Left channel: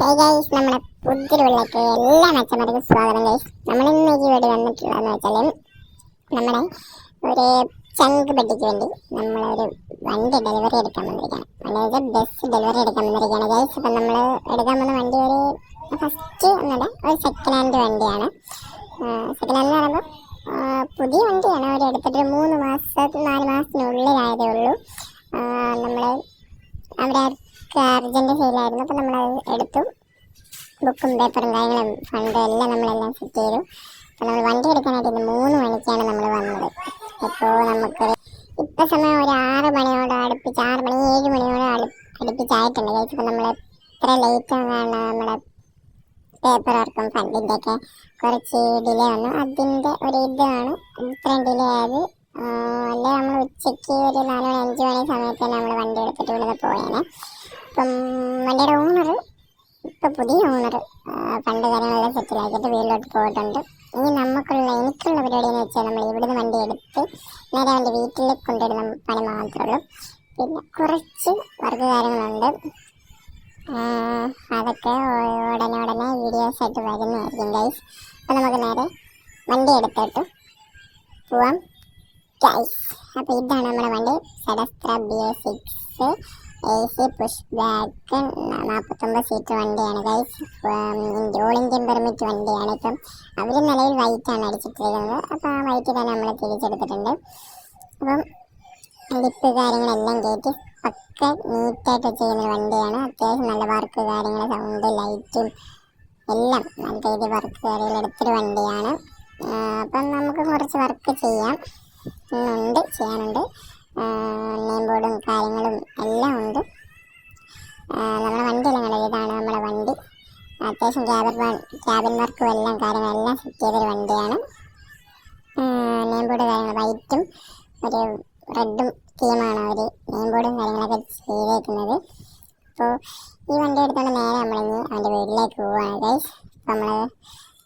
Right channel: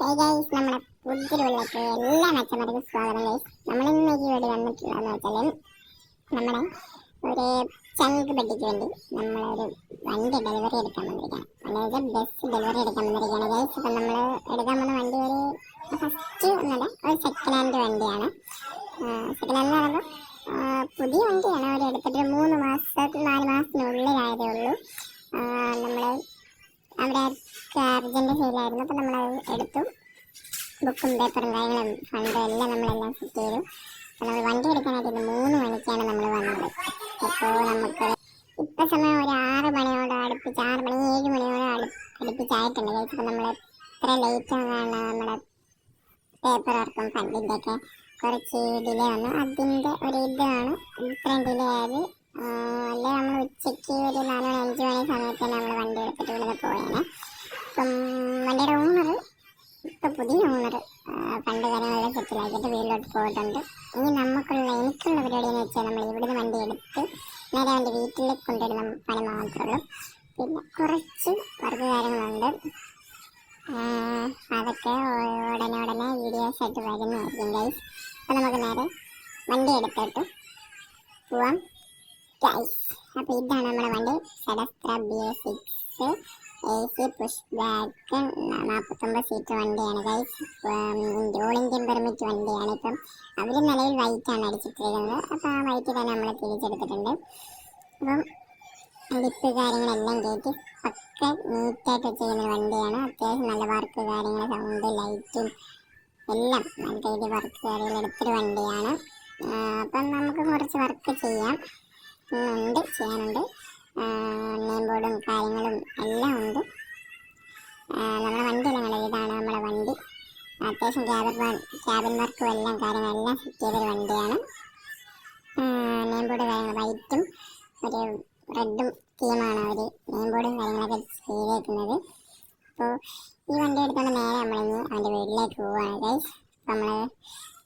Hey guys, നമ്മുടെ പുതിരുള്ളിലേക്ക് എല്ലാ മെച്ചമാർക്കും സ്വാഗതം ഗൈസ്. നമ്മളിന്ന് ഈ വീഡിയോ വന്നിട്ടുള്ളതെന്ന് വെച്ചാൽ നമ്മുടെ ഒരു ചങ്ക് പെട്ടിക്ക് വേണ്ടി നമ്മളൊരു വണ്ടി ഡെലിവറി എടുക്കാൻ വന്നിരിക്കുകയാണ്. അതായത് ബസ് ഡെലിവറി എടുക്കാൻ വന്നിരിക്കുകയാണ് ഗൈസ്. അപ്പം നമ്മൾ എടുക്കാൻ വന്ന വണ്ടി ഫസ്റ്റ് ഒന്നല്ല, ഒരു സെക്കൻഡ് ഹാൻഡ് വണ്ടിയാണ്. സെക്കൻഡ് ഹാൻഡ് എന്ന് പറയുമ്പോൾ പുതിയ വണ്ടിയാണ്. ഒരു എടുത്തിട്ട് 3 മാസം 4 മാസത്തിനുള്ളിലായതേ ഉള്ളൂ. നമ്മൾ അവിടെ അർജൻറ്റ് സെയിലായിരുന്നു. അപ്പോൾ നമ്മളത് എടുത്തു. ബുക്കും പേപ്പറും കാര്യങ്ങളും ഫണ്ടും എല്ലാം നമ്മളെല്ലാം സെറ്റ് ചെയ്തു. അപ്പോൾ നമ്മൾ വണ്ടി എടുക്കാനായിട്ട് 3 മണിക്കാണ് നമ്മൾ വന്നത്. അപ്പോൾ നമുക്ക് ഇപ്പോൾ സമയം ഒരു 6 മണിയോട് അടുപ്പിച്ച് 6 മണി 7 മണിയോട് അടുപ്പിച്ചായിട്ടുണ്ട് കഴിച്ച്. അപ്പോൾ നമ്മൾ എത്ര ലേറ്റ് ആകാണ് നമ്മുടെ പേപ്പർ വർക്കും ഫണ്ടിൻ്റെയൊക്കെ കുറച്ച് ഡിലേ വന്നു. അതിൻ്റെ ഒരു ഇതാണ് ഇത്രയും ഡിലേ ആയത്. അല്ലെ നമ്മൾ ഉച്ചയ്ക്ക് ഒരു 4 മണി 5 മണി സമയത്ത് തന്നെ നമ്മൾ വണ്ടി എടുത്തിട്ട് ഇവിടെ പോയേനെ. അപ്പം വണ്ടിയുടെ ഓണർ ഇപ്പോൾ പുതിയ ഓണർ ഫണ്ട് കാര്യങ്ങളെല്ലാം സെറ്റിലാക്കിയിട്ട് വീട്ടിലോട്ട് പോയിട്ടുണ്ട്. ഇനി എനിക്കുള്ള പരിപാടി എന്ന് വെച്ചാൽ നമ്മൾ ഇവിടുന്ന് വണ്ടി എടുത്ത് നേരെ വണ്ടി വീട്ടിൽ കൊണ്ടുവരുന്ന പണി മാത്രമേ ഉള്ളൂ. പിന്നെ കുറച്ച് വർക്ക് കാര്യങ്ങളുണ്ട്. അതൊക്കെ ഉടനെ വീഡിയോസ് ആയിട്ട് വരുന്നതായിരിക്കും ഗൈസ്. അപ്പോൾ നമുക്ക് നേരെ വണ്ടി എടുത്തിട്ട് പോവാം ഗൈസ്. അപ്പോൾ ഇതാണ് നമ്മുടെ വണ്ടി, സെഡസ്ട്ര BA6 AC push back 49 seat വണ്ടിയാണ് ഗൈസ്. ഓൾ ഇന്ത്യൻ പെർമിറ്റ് വണ്ടിയാണ്. ഇപ്പം അവർ നിലവിൽ വൈറ്റാണ് അടിച്ചിട്ടിരിക്കുന്നത്. അപ്പോൾ ആ വൈറ്റ് തന്നെ നമ്മൾ തിരിച്ചെടുത്തിട്ടുണ്ട്. അപ്പം ലിപ്പ് കാര്യങ്ങളെല്ലാം കയറ്റി ഒക്കെ നീറ്റായിട്ട് ചെയ്യുന്ന വണ്ടിയാണ്. അത്യാവശ്യം നല്ല വർക്ക് കാര്യങ്ങൾ, സൗണ്ട്, ലൈറ്റും എല്ലാം നല്ല രീതിയിൽ വർക്ക് കാര്യങ്ങൾ എടുത്തൊരു വണ്ടിയാണ്. അപ്പം നമുക്ക് കുറച്ച് വർക്ക് ചെയ്യാനുണ്ട്. നെയിം ബോർഡും കാര്യങ്ങളും എല്ലാം ഉണ്ട്. നമ്മുടെ വണ്ടിയെല്ലാം കണ്ടത് ഇതാണ് നമ്മുടെ വണ്ടി. അത്യാവശ്യം ക്യാബിൻ വർക്കും എല്ലാം കാര്യങ്ങളെല്ലാം സെറ്റ് ചെയ്തൊരു വണ്ടിയാണ്. നെയിം ബോർഡ് കാര്യങ്ങൾ വൈറ്റും ഒരു റെഡും തീമാണ് അവർ നെയിം ബോർഡും കാര്യങ്ങളൊക്കെ ചെയ്തേക്കുന്നത്. അപ്പോൾ ഈ വണ്ടി എടുത്തുകൊണ്ട് നേരെ നമ്മളിനി അവൻ്റെ വീട്ടിലേക്ക് പോവുകയാണ് ഗൈസ്. അപ്പോൾ നമ്മൾ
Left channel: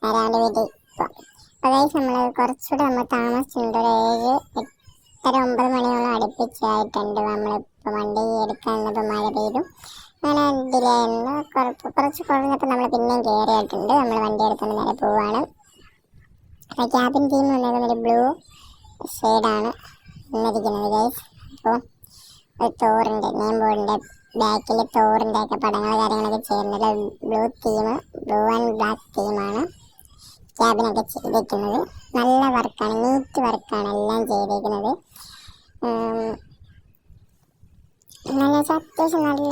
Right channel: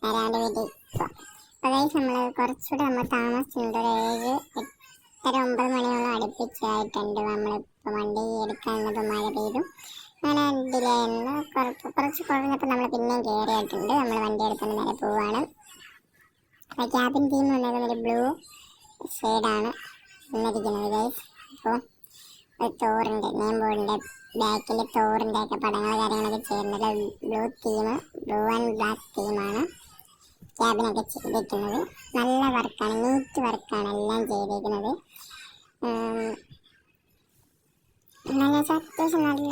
നേരെ അവൻ്റെ വീട്ടിൽ പോവാം. അപ്പോൾ ഗൈസ് നമ്മൾ കുറച്ചുകൂടെ നമ്മൾ താമസിച്ചിട്ടുണ്ട്. ഒരു 7, 8, 9 മണിയോളം അടുപ്പിച്ചായിട്ടുണ്ട്. നമ്മളിപ്പോൾ വണ്ടി എടുക്കാൻ നിന്നപ്പോൾ മഴ പെയ്തു, അങ്ങനെ ഡിലേ ആയിരുന്നു. കുറച്ച് കുറഞ്ഞപ്പോൾ നമ്മൾ പിന്നെയും കയറിയിട്ടുണ്ട്. നമ്മൾ വണ്ടി എടുത്തുകൊണ്ട് നേരെ പോവുകയാണ്. അപ്പോൾ ക്യാബിൻ തീം വന്നേക്കുന്നത് ഒരു ബ്ലൂ ഷെയ്ഡാണ് വന്നിരിക്കുന്നത് ഗൈസ്. അപ്പോൾ ഒരു തോറിൻ്റെ നെയിം ബോർഡിൻ്റെ ബാക്കിൽ തോറിൻ്റെ ഒക്കെ പടങ്ങൾ കാര്യങ്ങളൊക്കെ ചേർന്നത് ബ്ലൂ ആൻഡ് ബ്ലാക്ക് തീമാണ് ക്യാബിനൊക്കെ ചെയ്തിരിക്കുന്നത്. നല്ല വർക്കാണ്, നീറ്റ് വർക്കാണ് എല്ലാം ചെയ്തിരിക്കുന്നത്. അത്യാവശ്യം നല്ല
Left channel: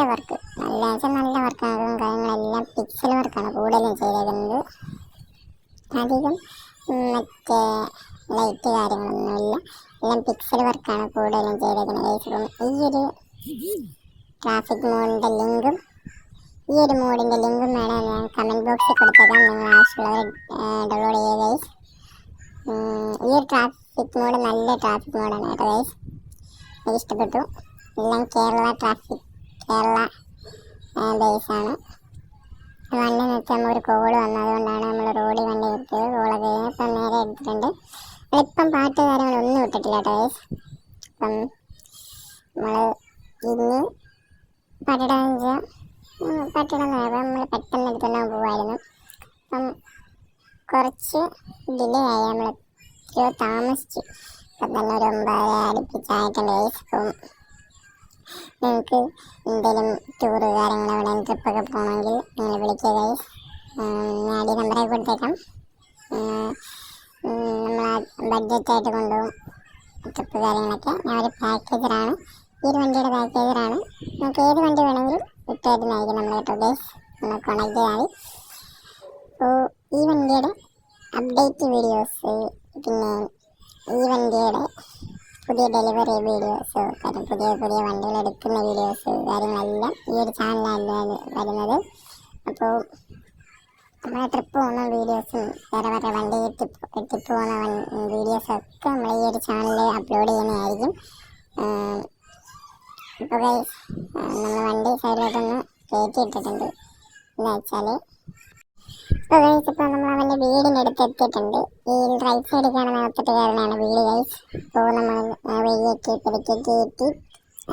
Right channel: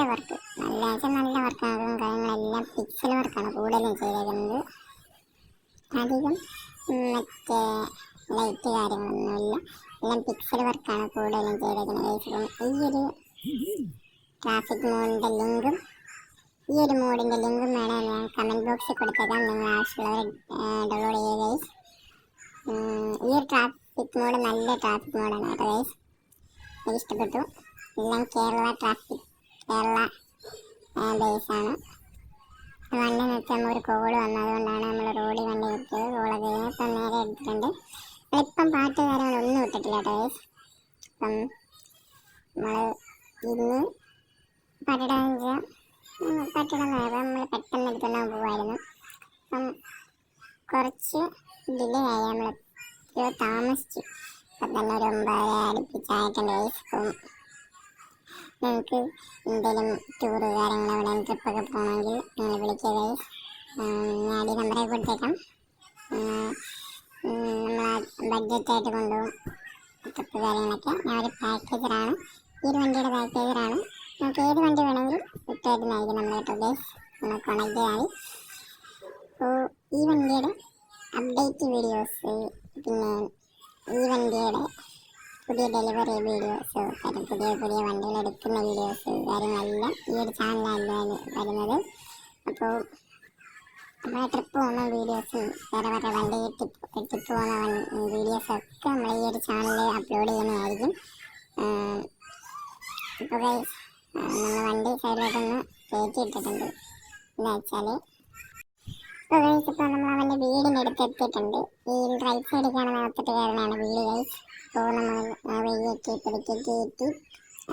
വർക്കാകും കാര്യങ്ങളെല്ലാം പിക്സൽ വർക്കാണ് കൂടുതലും ചെയ്തിരിക്കുന്നത്. അധികം മറ്റേ ലൈറ്റ് കാര്യങ്ങളൊന്നുമില്ല, എല്ലാം പിക്സൽ വർക്കാണ് കൂടുതലും ചെയ്തിരിക്കുന്നത്. ഈ ഒരു ട്രാഫിക് മോഡിൻ്റെ ലിങ്കും ഈ ഒരു മോഡിൻ്റെ ലിങ്കും വേണം ഞാൻ കമൻറ്റ് ബോക്സിൽ കൊടുത്തേക്കാം. നിങ്ങൾ ആവശ്യമുള്ളവർ ഡൗൺലോഡ് ചെയ്യുക ഗൈസ്. ഈ ഒരു ട്രാഫിക് മോഡ് നല്ല ട്രാഫിക് മോഡാണ് കേട്ടോ ഗൈസ്. എനിക്ക് ഇഷ്ടപ്പെട്ടു. എല്ലാം കേരള ബേസാണ്. വണ്ടി നിർത്തി ഒരു കോള് വന്നതുകൊണ്ടാണ് നമ്മൾ റോഡിൽ വണ്ടി നിർത്തിയത്. കോളൊക്കെ കഴിഞ്ഞ് ഇപ്പം നേരെ എടുത്തിട്ടുണ്ട്. ഇപ്പം പാട്ട് കാര്യങ്ങളൊന്നും ഇട്ടിട്ടില്ല കേട്ടോ ഗൈസ്. അപ്പം നമ്മൾ ഇന്ന് പട്ടിടം നമ്മൾ പെട്ടെന്ന് എടുത്തുകൊണ്ട് പോകുമായിരുന്നു. അപ്പം കുറച്ച് ഡിലേ ആയി, നമ്മൾ താമസിച്ചു. അപ്പം തന്നെ ഒരു 9 അടുപ്പിച്ചായിട്ടുണ്ട് ഗൈസ്. അപ്പം നിങ്ങൾക്ക് എന്തെങ്കിലും ടൂറ് കാര്യങ്ങൾ എവിടെയും ട്രിപ്പൊക്കെ പോകണമെങ്കിൽ നിങ്ങൾ വിളിക്കുക ഗൈസ്. ഞാൻ ഈ നമ്പറൊക്കെ കൊടുത്തേക്കാം. നമ്മൾ ബഡ്ജറ്റായിട്ട് കൊണ്ടുപോകും ട്രിപ്പ് കാര്യങ്ങളൊക്കെ. ഞാൻ ഒരു പാക്കേജറാണ്, ഈ ഒരു വണ്ടിയുടെ പാക്കേജറാണ്. നമുക്ക് ഏത് വണ്ടി വേണമെങ്കിലും വിട്ടുതരുന്നതായിരിക്കും നമ്മൾ കേട്ടോ ഗൈസ്. നമ്മൾ കോൺടാക്ട് ചെയ്യാൻ. അപ്പോൾ ഈ വണ്ടിയുടെ അപ്ഡേറ്റ് വീഡിയോസ്, പിന്നെ ഈ വണ്ടിയുടെ പുതിയ ഡെലിവറി വീഡിയോസ്, പുതിയ വണ്ടികൾ എടുക്കുന്ന വീഡിയോസ് കാര്യങ്ങളെല്ലാം ഈ ഒരു ചാനലിലാണ് വരുന്നത്. അപ്പോൾ നമ്മൾ ട്രിപ്പ് പോകുന്ന വീഡിയോസും വേറെ വണ്ടി ട്രിപ്പ് പോകുന്ന വീഡിയോസൊക്കെ നമ്മൾ ഈ ഒരു ചാനലിൽ അപ്ലോഡ് ചെയ്യുന്നതായിരിക്കും. ഇപ്പോൾ നമ്മൾ വണ്ടി സൈഡിലോട്ടൊന്ന് കയറ്റി ഇട്ടിട്ടുണ്ട്. എന്താ വെച്ചാൽ ഇപ്പോൾ നമ്മൾ അവൻ്റെ വീടിൻ്റെ അടുത്ത് എത്തിയിട്ടുണ്ട്. ഈ റൈറ്റ് സൈഡിൽ കാണുന്ന അകത്തിട്ട് കയറുന്നതാണ് വീട് ഗൈസ്. അപ്പോൾ നമ്മൾ വഴിയൊക്കെ പെടുക്കി കയറ്റി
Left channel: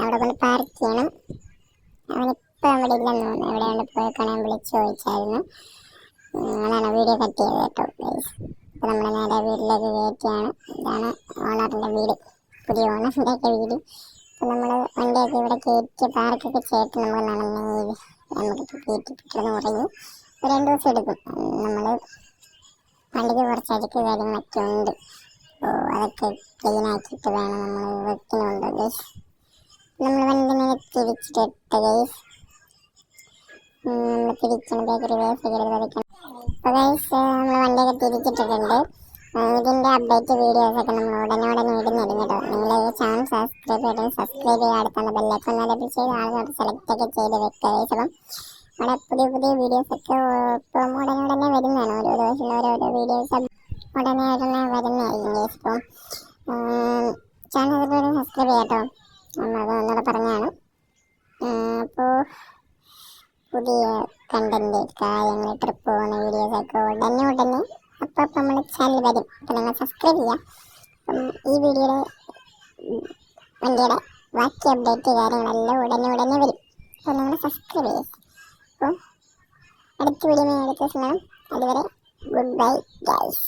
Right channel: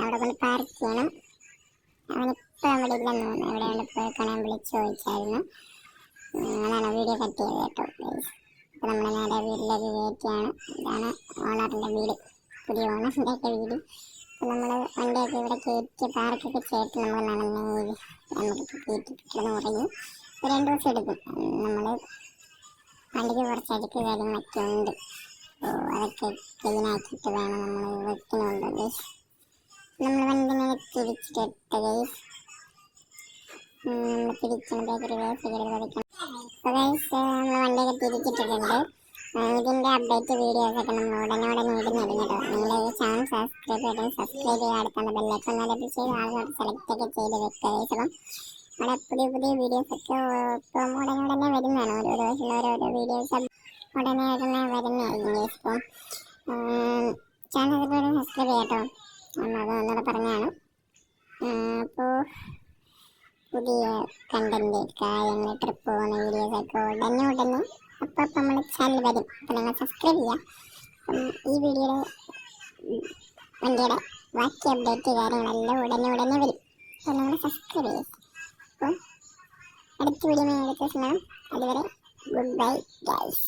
അവിടെ കൊണ്ട് പാർക്ക് ചെയ്യണം. അവന് ഇപ്പം അവിടെ ഇല്ലെന്ന് തോന്നുന്നു, എവിടെയാണ് പോയേക്കാണ്, ഞാൻ വിളിച്ച് ചോദിച്ചായിരുന്നു. അങ്ങനെയാണ് വീഡിയോ കട്ട് ചെയ്തത് കേട്ടോ ഗൈസ്. അപ്പോൾ നമ്മൾ നേരെ വീട്ടിലേക്ക് കയറ്റിയാണ്. ഇതാണ് ഓണറിൻ്റെ വീട്, പുതിയ ഓണറിൻ്റെയൊക്കെ വീട്. അപ്പോൾ നമ്മൾ വണ്ടിയൊക്കെ ഇവിടെ കയറ്റി പാർക്കൊക്കെ ചെയ്തിട്ട് നമ്മൾ നടന്ന് നമുക്കിപ്പോൾ കയറ്റിപ്പിട്ടെന്ന് പറഞ്ഞു. 2 ദിവസം എടുക്കും. നമ്മൾ വണ്ടിക്ക് കുറച്ച് അഴുക്ക് കാര്യങ്ങളൊക്കെ ഉണ്ട്, അപ്പോൾ അതൊക്കെ ക്ലീൻ ആക്കിയിട്ട് വേണം നമ്മൾ വെക്കുന്നുണ്ട് ഗൈസ്. നമ്മൾ വണ്ടിനെ തിരിച്ചിട്ട് ഗൈസ് നമ്മൾ തിരിക്കണം, ബേക്കറി വേസ്റ്റ് പതിക്കണം. അപ്പോൾ ഗൈസ് നമ്മൾ വണ്ടിയൊക്കെ തിരിച്ചിട്ടിട്ടുണ്ട്. ഇതിൻ്റെ അപ്ഡേറ്റ് വീഡിയോസൊക്കെ നമ്മൾ ഉടനെ ഇടുന്നുണ്ട് കേട്ടോ. നിങ്ങൾ ചാനൽ സബ്സ്ക്രൈബ് ചെയ്യുക, അടുത്തുള്ള ബെല്ലൈക്കൺ എനേബിൾ ചെയ്ത് ആളുകൾ സെലക്ട് ഒക്കെ ചെയ്ത് വെക്കുക ഗൈസ്. അപ്പം അവിടെ പുതിയ വീഡിയോസൊക്കെ ഇപ്പം ഉടനെ വരുന്നതാണ്. ഓരോ ദിവസം ഓരോരോ വീഡിയോസ് ഉടനെ വരുന്നതായിരിക്കും ഗൈസ്. അപ്പം ചാനൽ സബ്സ്ക്രൈബ് ചെയ്യാം കേട്ടോ, നമ്മളത് ഒന്നുകൂടെ പറഞ്ഞതാണ്. അപ്പോൾ പുതിയ കണ്ടന്റ് കാര്യങ്ങൾ, ട്രിപ്പ് പോകുന്ന വീഡിയോസൊക്കെ ഉടനെ അപ്പോൾ നമ്മൾ ചാനൽ വരും. അപ്പോൾ നിങ്ങൾ സബ്സ്ക്രൈബ് ചെയ്യുക. അപ്പം ഈ വീഡിയോയുടെ വണ്ടിയുടെ ബാക്കി അപ്ഡേറ്റ് കാര്യങ്ങളെല്ലാം ഉടനെ വരും. അപ്പോൾ നിങ്ങൾ സബ്സ്ക്രൈബ് ചെയ്യുക. അപ്പം അടുത്ത വീഡിയോ അടുത്ത ദിവസം കാണാം. അതുവരെ ഗുഡ് ബൈ ഗൈസ്.